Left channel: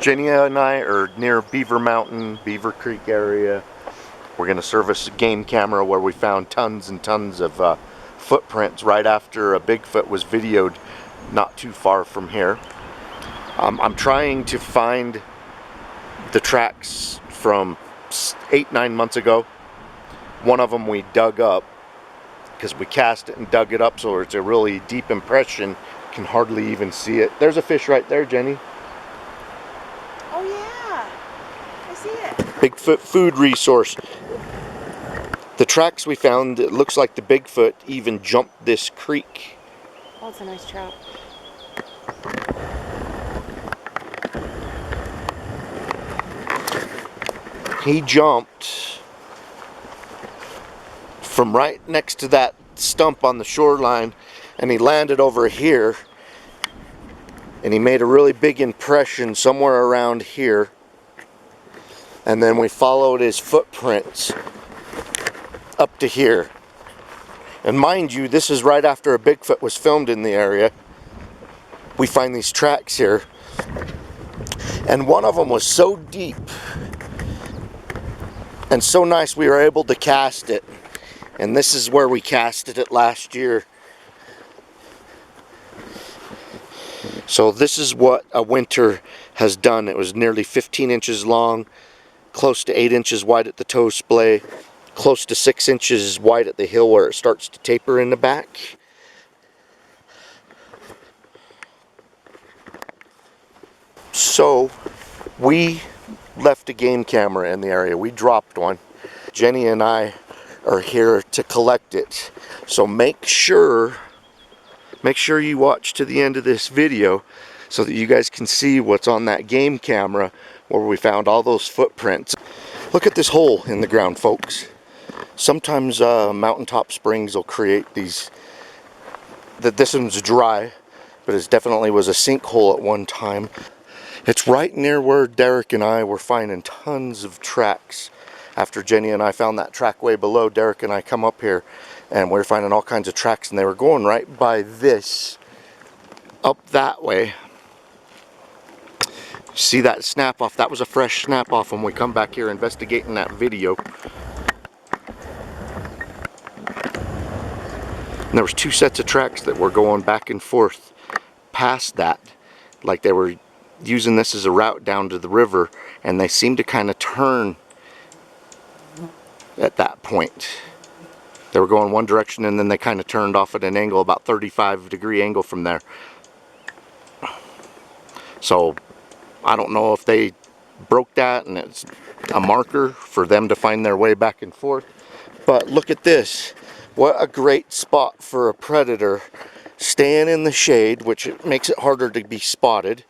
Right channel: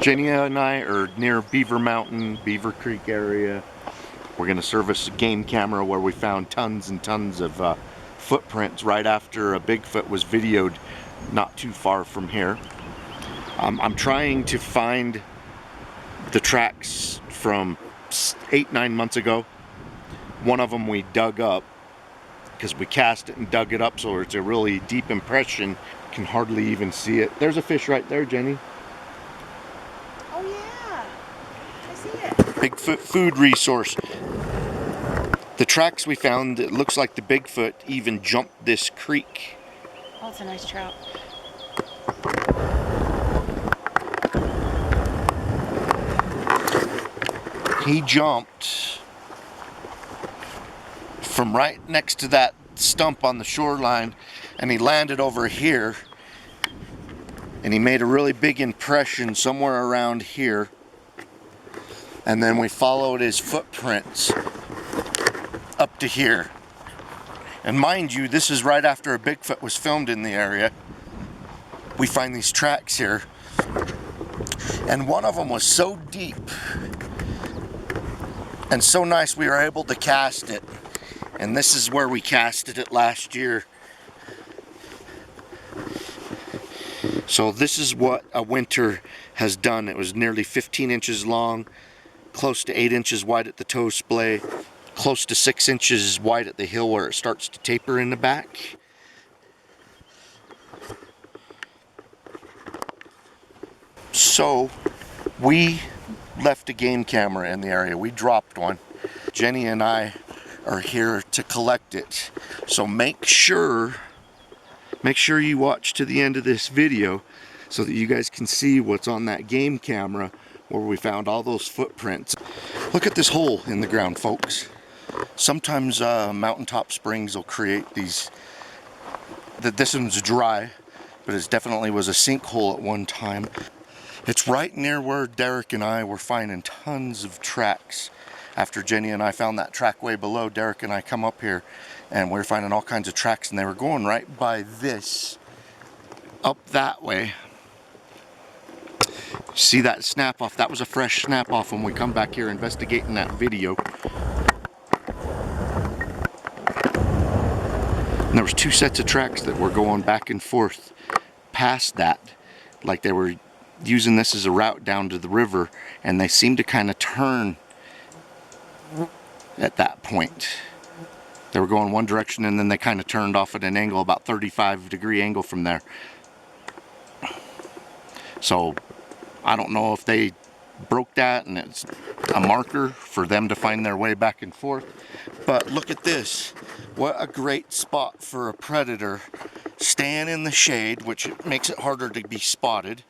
Jenny and I are near Beaver Mountain, Beaver Creek area. We're going to service a game camera where we found tons and tons of footprints right after a Bigfoot was videoed not too far from here. I'm trying to find the tracks from 8-9 months ago. One of them we dug up because we cast it and dug it up, so it's a really deep impression. Can hardly even see it. There's a fish right there, Jenny. Oh yeah, I see it. Bigfoot food resource. The tracks we found, it looks like the Bigfoot even jumped this creek. Oh, it's a nice trout. He jumped from right next to that stump on the shoreline, and he landed over here, and he made a really big impression somewhere around here. And then we followed his footprints up to here. And mind you, this is right after a Bigfoot was filmed in the area. We find these tracks here, and one of them was so deep and so nice we were able to cast it. And this is where we casted it last year. So this is what a winter has done. It was nearly 15 inches long, close to 8 inches wide at the toe splay, close to 6 inches wide at the hill where it starts to taper in the back. So we left a game camera in the area. We dropped one. Jenny and I are here to collect it. So make sure you watch to the end of this video so that you guys can see what's on that game camera where we found all those footprints. Look at this hole in the ground, folks. Sometimes mountaintop springs will create these. This one's dry, but it definitely was a sinkhole at one time. It's right near where Derek and I were finding tons of tracks. After Jenny and I found that track way below, Derek and I come up here and we're finding all kinds of tracks, and they were going right by this, up that way. See that snap off? That was a fresh snap off when we come back here investigating that video. And there was two sets of tracks that were going back and forth past that, like they were using this as a route down to the river, and they seemed to kind of turn at that point. They were going one direction and then they kind of turned off at an angle, about 35-degree angle from there. So I don't know if they broke that and it's a marker for them to find their way back and forth. But look at this. What a great spot for a predator, staying in the shade, which makes it harder to be spotted,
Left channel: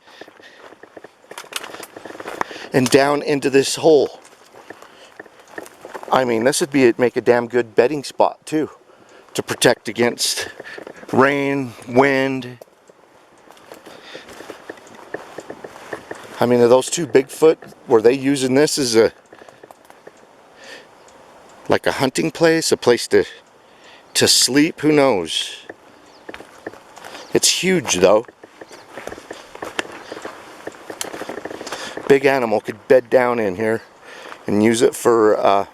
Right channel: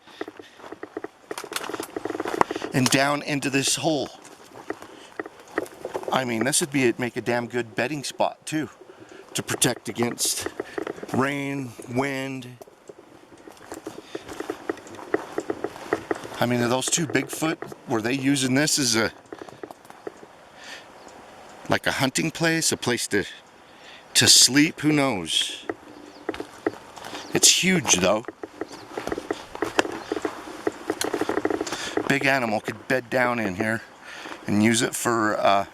and down into this hole. I mean, this would make a damn good bedding spot too, to protect against rain, wind. I mean, are those two Bigfoot, were they using this as like a hunting place, a place to sleep? Who knows? It's huge though. Big animal could bed down in here and use it for a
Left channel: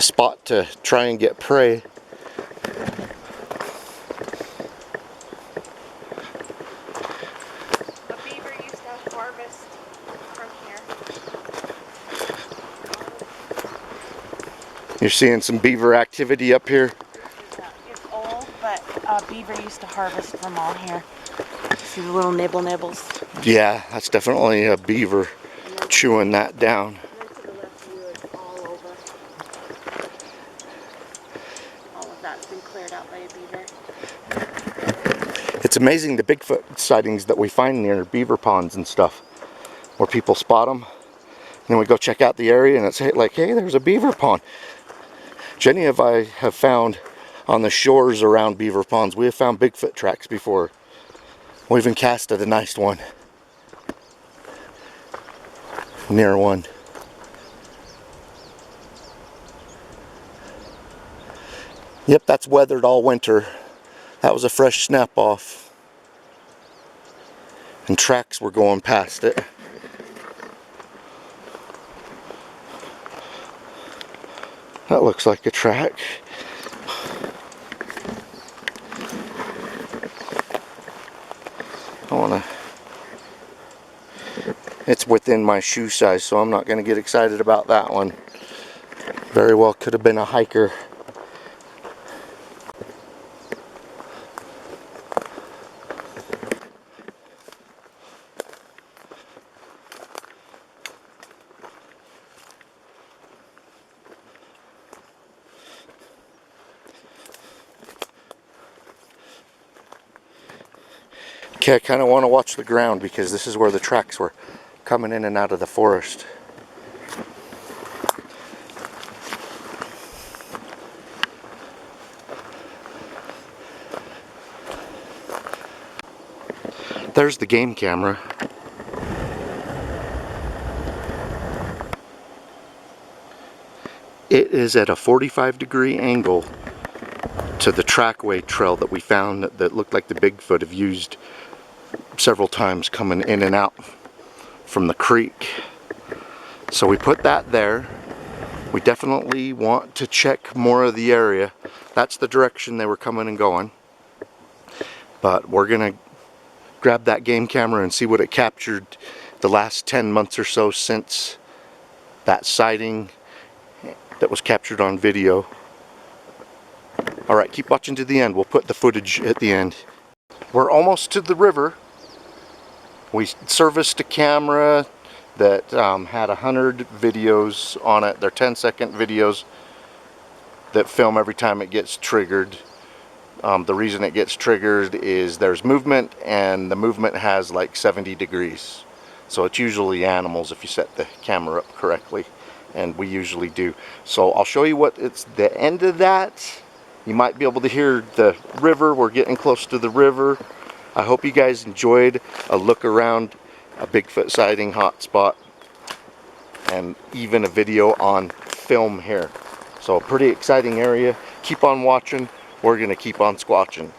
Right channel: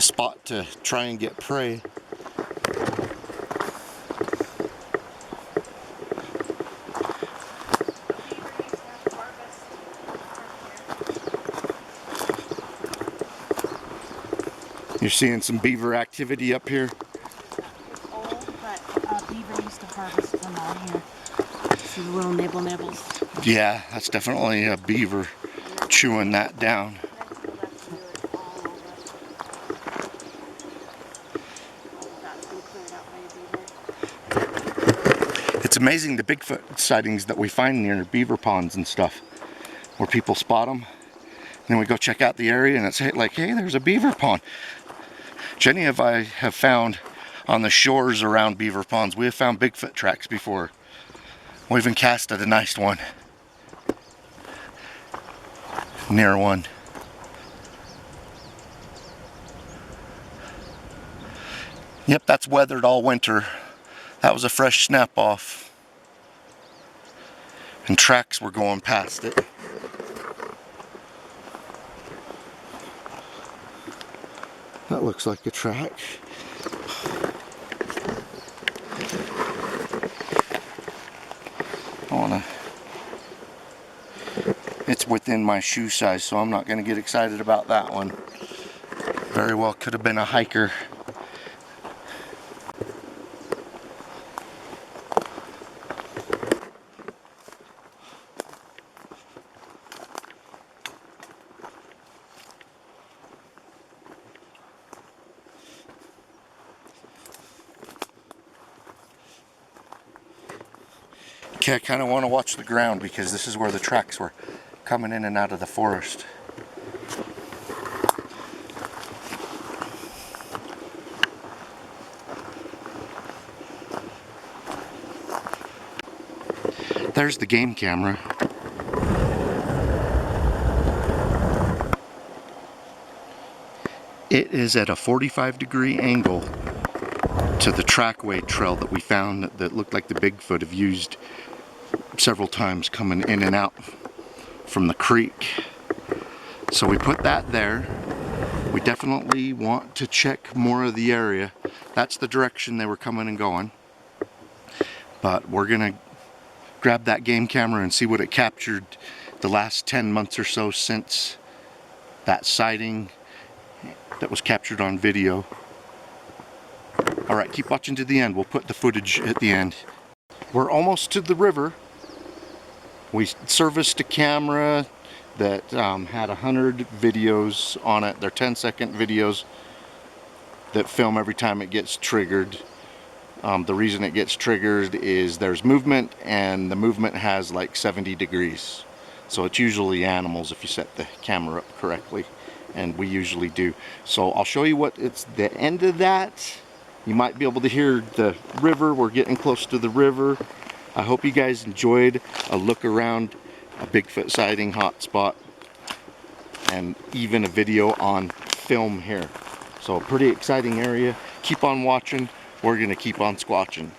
spot to try and get prey. A beaver used to harvest from here. You're seeing some beaver activity up here. It's old, but a beaver used to harvest from all here. See the little nibbles. Yeah, that's definitely a beaver chewing that down. And then to the left of you, it's all over. All of that's been cleared out by a beaver. It's amazing the Bigfoot sightings that we find near beaver ponds and stuff, where people spot them. And then we go check out the area and it's like, hey, there's a beaver pond. Jenny and I have found on the shores around beaver ponds, we have found Bigfoot tracks before. We even casted a nice one near one. Yep, that's weathered all winter. That was a fresh snap off. And tracks were going past it. That looks like a track. I wanna... It's within my shoe size, so I'm not gonna get excited about that one. Very well could have been a hiker. Okay, I kind of want to watch the ground because this is where the tracks were coming in and out of the forest. There's the game camera. It is at a 45-degree angle to the trackway trail that we found that looked like the Bigfoot have used several times coming in and out from the creek. So we put that there. We definitely want to check more of the area. That's the direction they were coming and going. But we're gonna grab that game camera and see what it captured the last 10 months or so since that sighting that was captured on video. Alright, keep watching to the end. We'll put the footage at the end. We're almost to the river. We serviced a camera that had 100 videos on it. They're 10-second videos that film every time it gets triggered. The reason it gets triggered is there's movement, and the movement has like 70 degrees. So it's usually animals if you set the camera up correctly, and we usually do. So I'll show you what it's the end of that. You might be able to hear the river. We're getting close to the river. I hope you guys enjoyed a look around a Bigfoot sighting hotspot and even a video on film here. So a pretty exciting area. Keep on watching. We're gonna keep on squatching.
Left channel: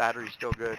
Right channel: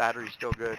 Battery's still good.